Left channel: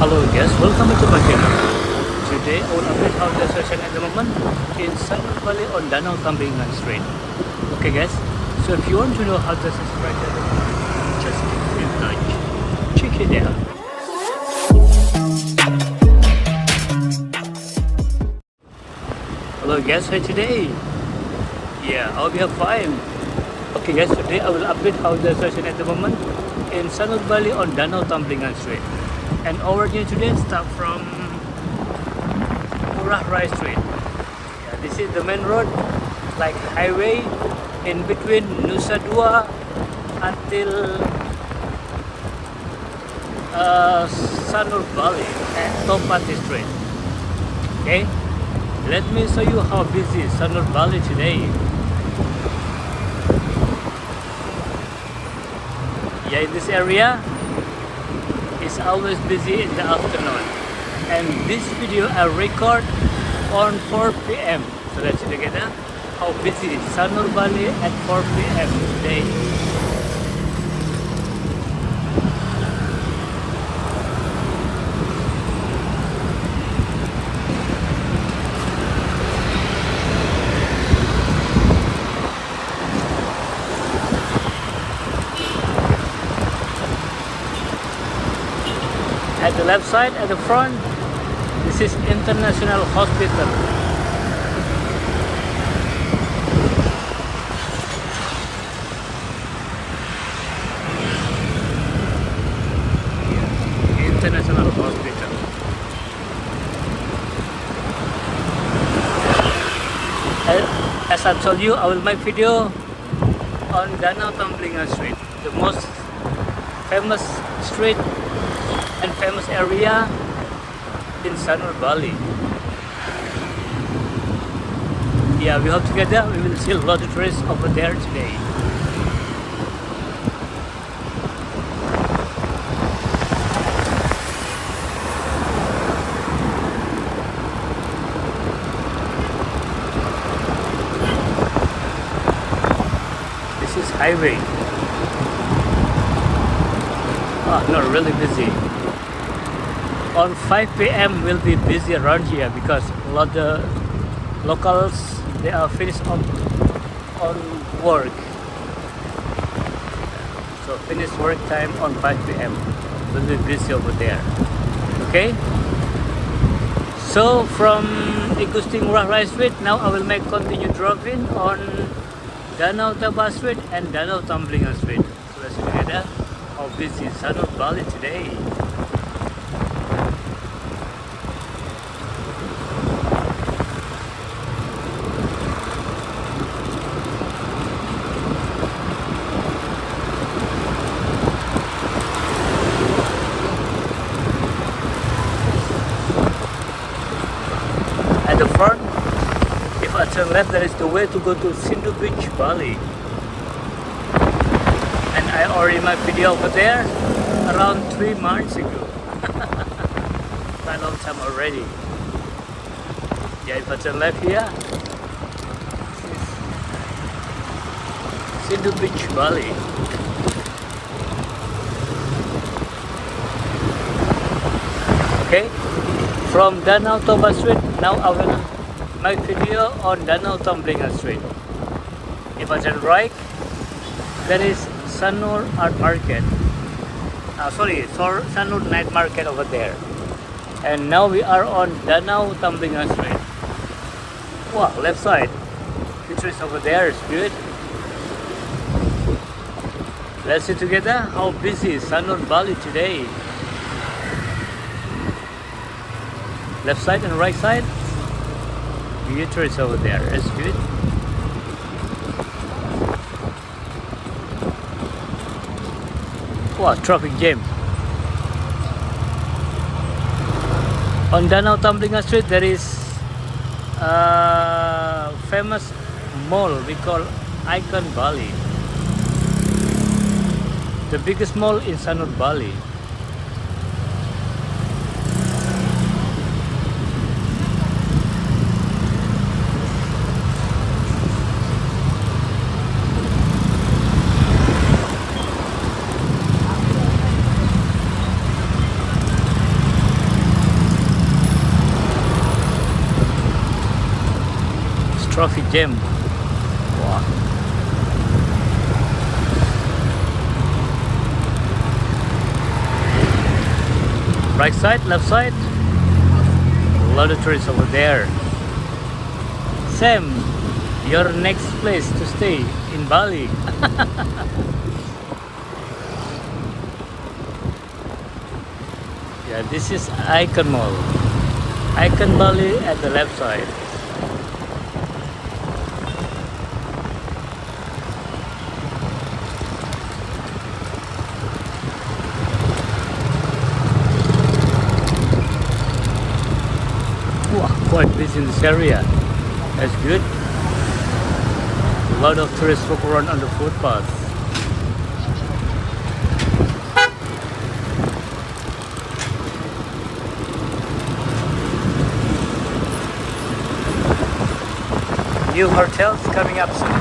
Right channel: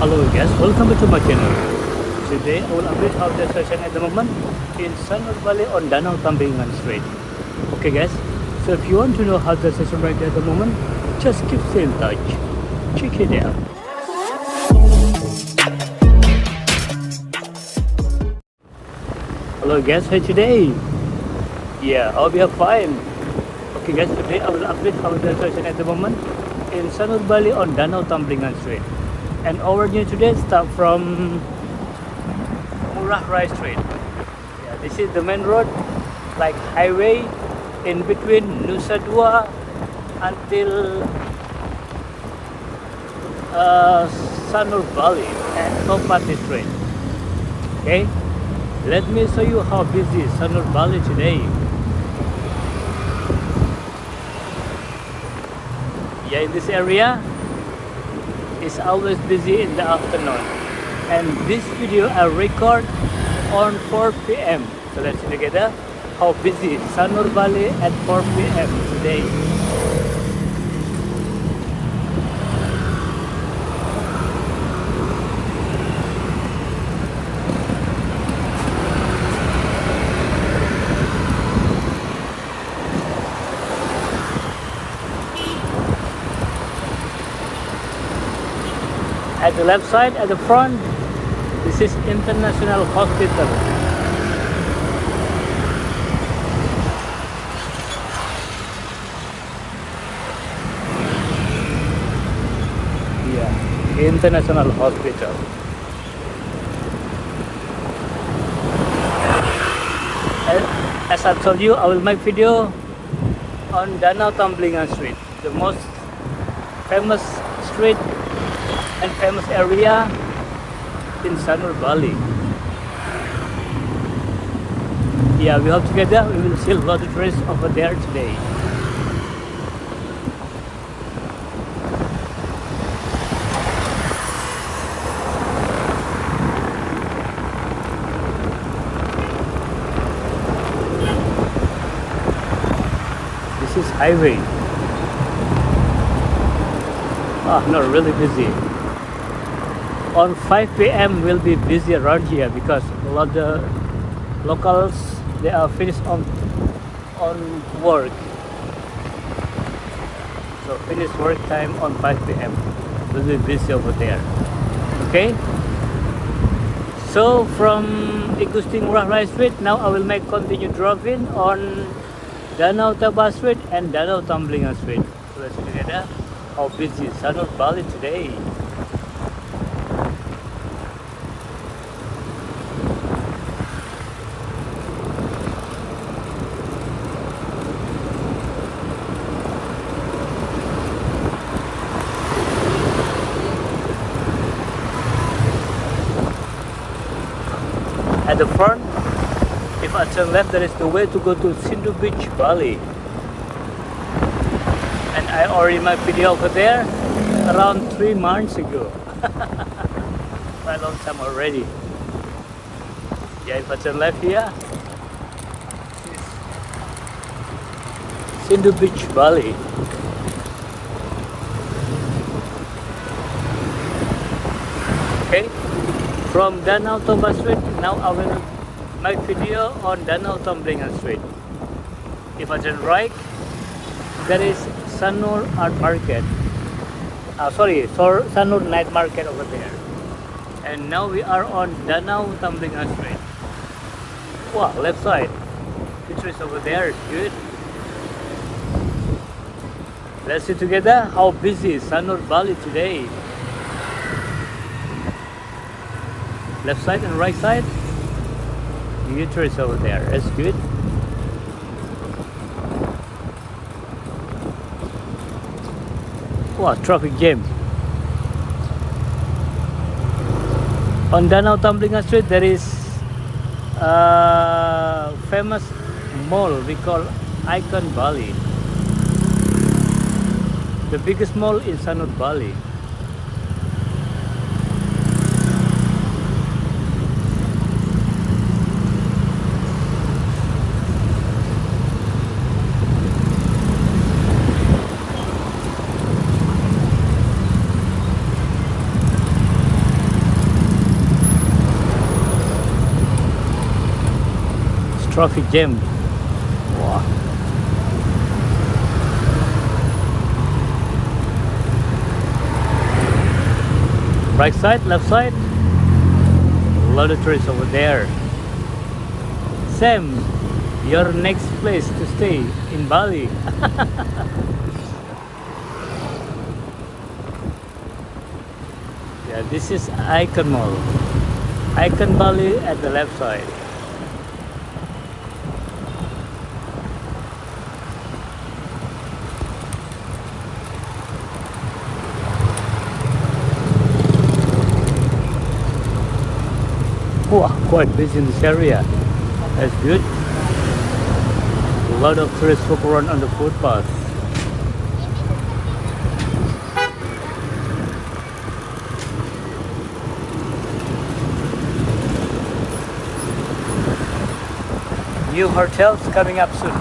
Hello guys, welcome back to my channel. Today I will update how the session at the moment in Sanur Bali on Danau Tamblingan Street. Okay guys, so if you want to know how the session is at the moment, just keep in touch. Check it out. Hello guys, how today? Yeah, I hope you are fine. Okay guys, today I will update how the session at the moment in Sanur Bali on Danau Tamblingan Street. And our journey today start from Murah Rai Street. Yeah, this is the main road, like highway in between Nusa Dua until Sanur Bali and Topati Street. Okay, let me show you how busy Sanur Bali today. Yeah, in this area is always busy in the afternoon, and this video I record on 4 p.m. so let's see together how busy Sanur Bali at 4 p.m. today. At the left side, at the front, this is International Hospital. Yeah, International Hospital. As I told you, I will make video on Danau Tamblingan Street, the most famous street and famous area in Sanur Bali. Yeah, we hope together we will see a lot of tourists over there today. This is highway. Ah, not really busy. On 5 p.m. will be busy around here because a lot of locals, they are finished on work. So finish work time on 5 p.m. will be busy over there. Okay. So from Igusting Murah Rai Street, now I will make continue driving on Danau Taba Street and Danau Tamblingan Street. So let's see together how busy Sanur Bali today. At the front, if I turn left, there is the way to go to Sanur Beach, Bali. And I already made video over there around 3 months ago. Quite a long time already. Yeah, if I turn left here, this is Sanur Beach, Bali. Okay. From Danau Toba Street, now I will make video on Danau Tamblingan Street. If I turn right, there is Sanur Art Market. Sanur Night Market over there. And now we are on Danau Tamblingan Street. Wow, left side. The trees over there is good. Let's see together how busy Sanur Bali today. Left side and right side, the trees over there. That's good. Wow, traffic jam. On Danau Tamblingan Street, there is a famous mall we call Achonk Bali. The biggest mall in Sanur Bali. traffic jam. Wow. Right side, left side, a lot of tourists over there. Sam, your next place to stay in Bali. Yeah, this is Icon Mall. Icon Bali at the left side. Wow, quite busy in this area. That's good. A lot of tourists walk around on the footpath. New hotels coming up soon.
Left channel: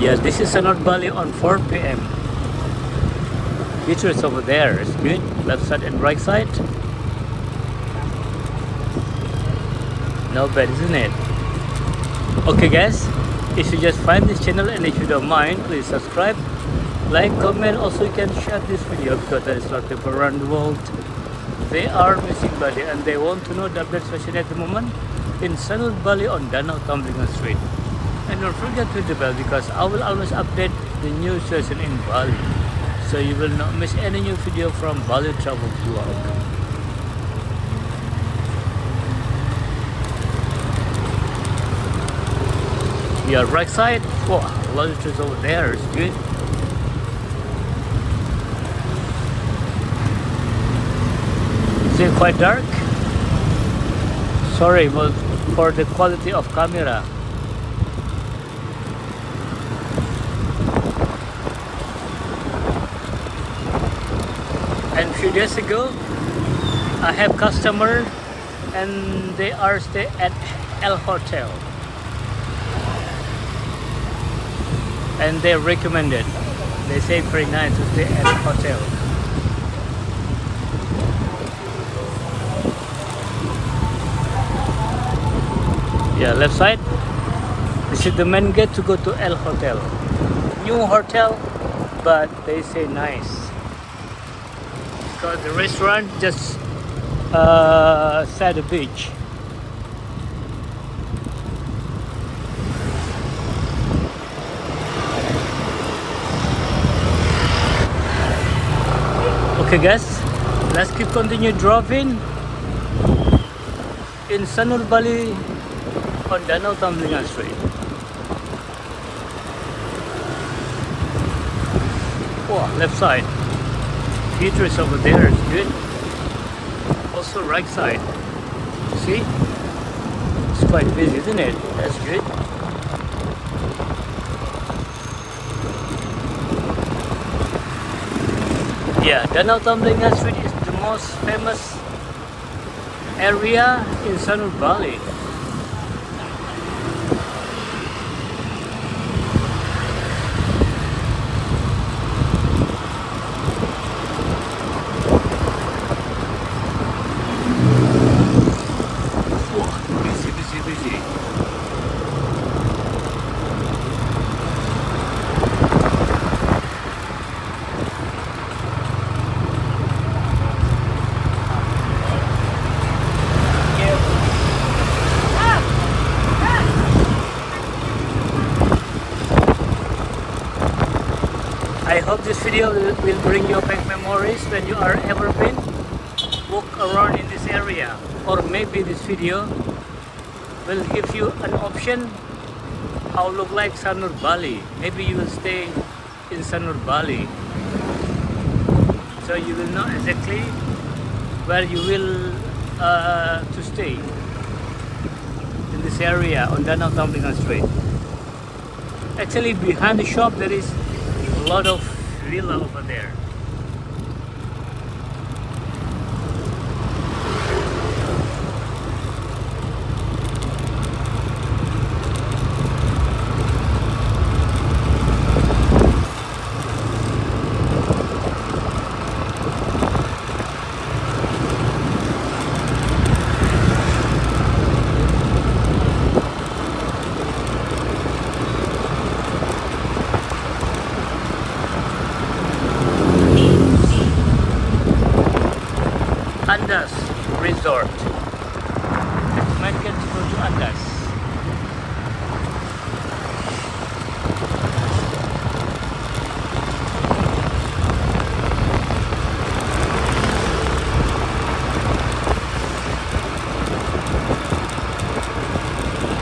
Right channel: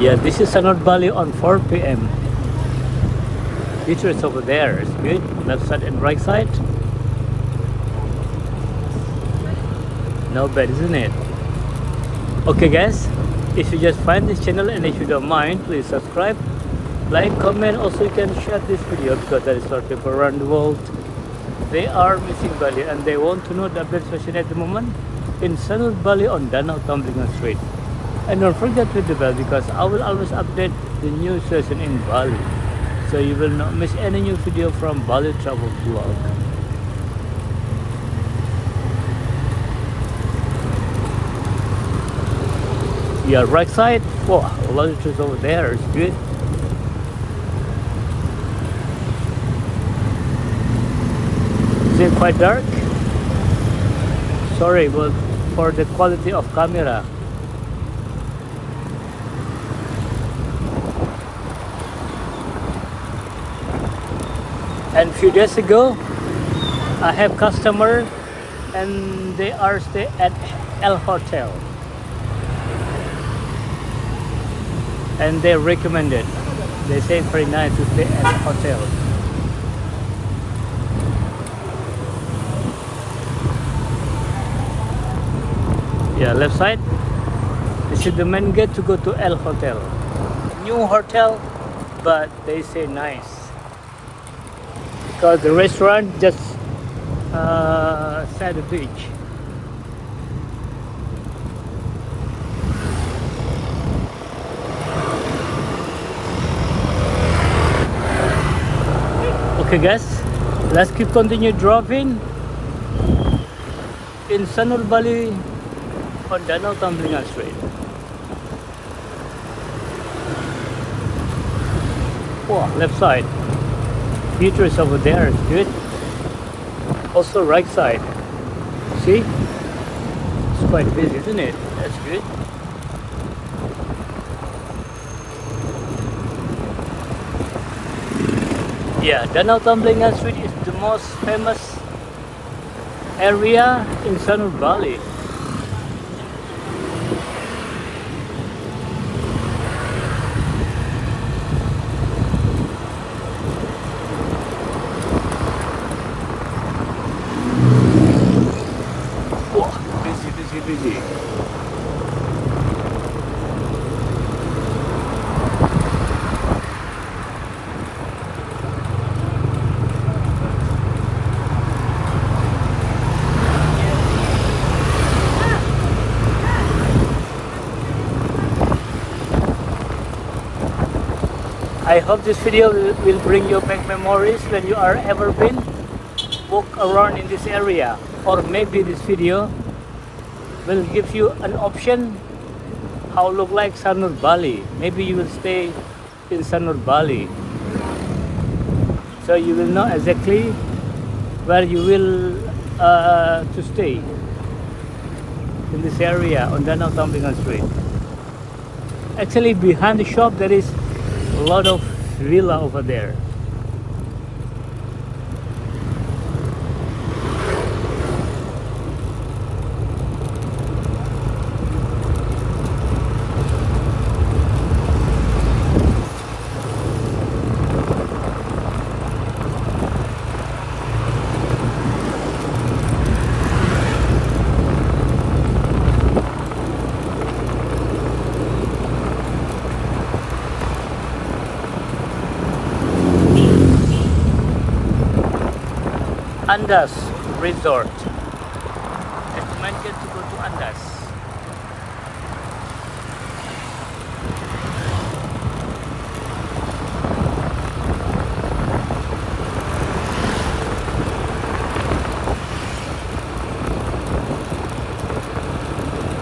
Yes, this is Sanur Bali on 4 p.m. Beaches over there. It's good. Left side and right side. Not bad, isn't it? Okay guys, if you just find this channel and if you don't mind, please subscribe, like, comment. Also you can share this video because there is a lot of people around the world. They are missing Bali and they want to know the update situation at the moment in Sanur Bali on Danau Tamblingan Street. And don't forget to hit the bell because I will always update the new session in Bali, so you will not miss any new video from Bali Travel Vlog. Yeah, right side. Wow, a lot of trees over there. It's good. Is it quite dark? Sorry, but for the quality of camera. And a few days ago, I have customer and they are stay at L Hotel. And they recommended. They say very nice to stay at the hotel. Yeah, left side. This is the main gate to go to L Hotel. New hotel, but they say nice. Because the restaurant just side the beach. Okay guys, let's keep continue driving in Sanur Bali on Danau Tamblingan Street. Oh, left side. Theater is over there, it's good. Also right side. See? It's quite busy, isn't it? That's good. Yeah, Danau Tamblingan Street is the most famous area in Sanur Bali. Wow, busy. I hope this video will bring you back memories when you are ever been walk around in this area, or maybe this video will give you an option how look like Sanur Bali. Maybe you will stay in Sanur Bali, so you will know exactly where you will to stay in this area on Danau Tamblingan Street. Actually, behind the shop there is a lot of villa over there. Andas Resort. Recommend guys to go to Andas.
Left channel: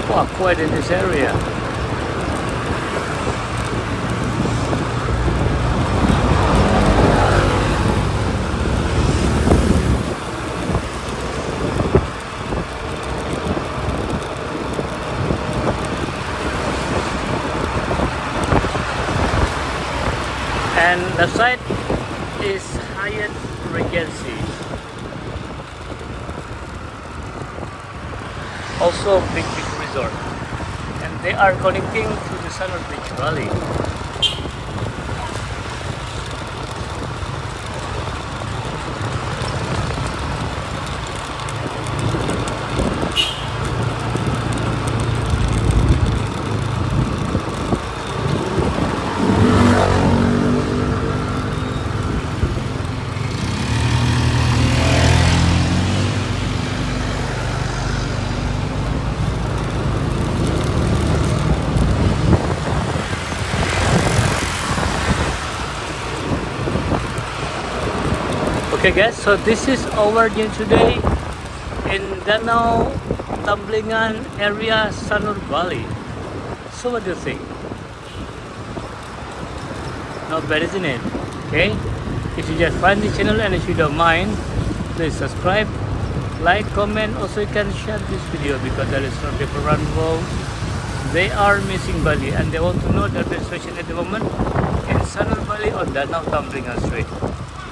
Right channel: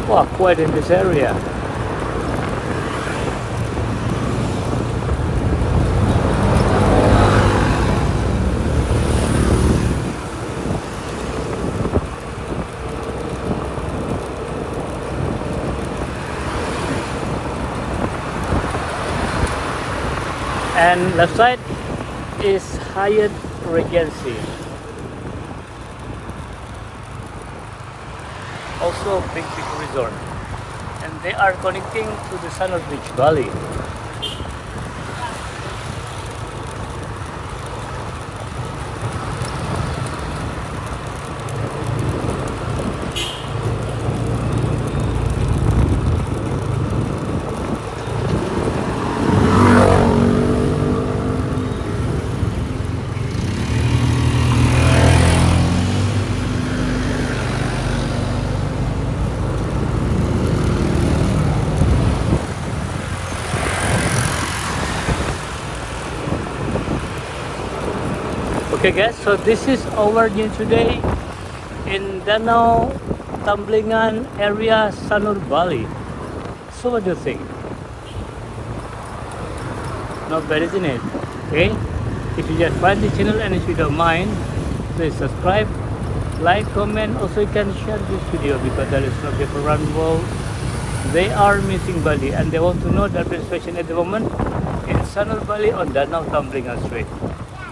Wow, quite in this area. And left side is Hyatt Regency. Also big resort. And they are connecting to the Sanur Valley. Okay guys, so this is our new today in Danau tamblingan area, Sanur Bali. So what do you think? Not bad, isn't it? Okay, if you just find the channel and if you don't mind, please subscribe, like, comment. Also you can share this video because there is some people around the world, they are missing Bali and they want to know the situation at the moment in Sanur Bali on Danau tamblingan Strait.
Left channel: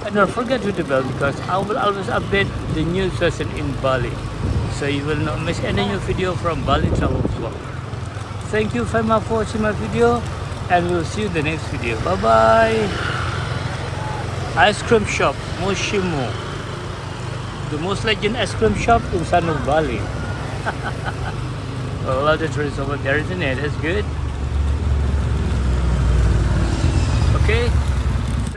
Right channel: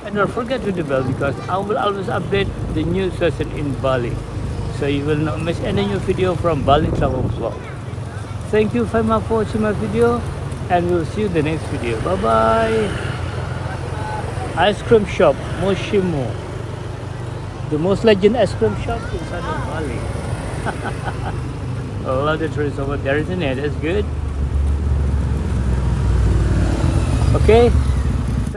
And don't forget to the bell because I will always update the new session in Bali, so you will not miss any new video from Bali Travel Vlog. Thank you very much for watching my video, and we'll see you in the next video. Bye bye. Ice cream shop Moshimu, the most legend ice cream shop in Sanur Bali. I love the trees over there, isn't it? That's good. Okay.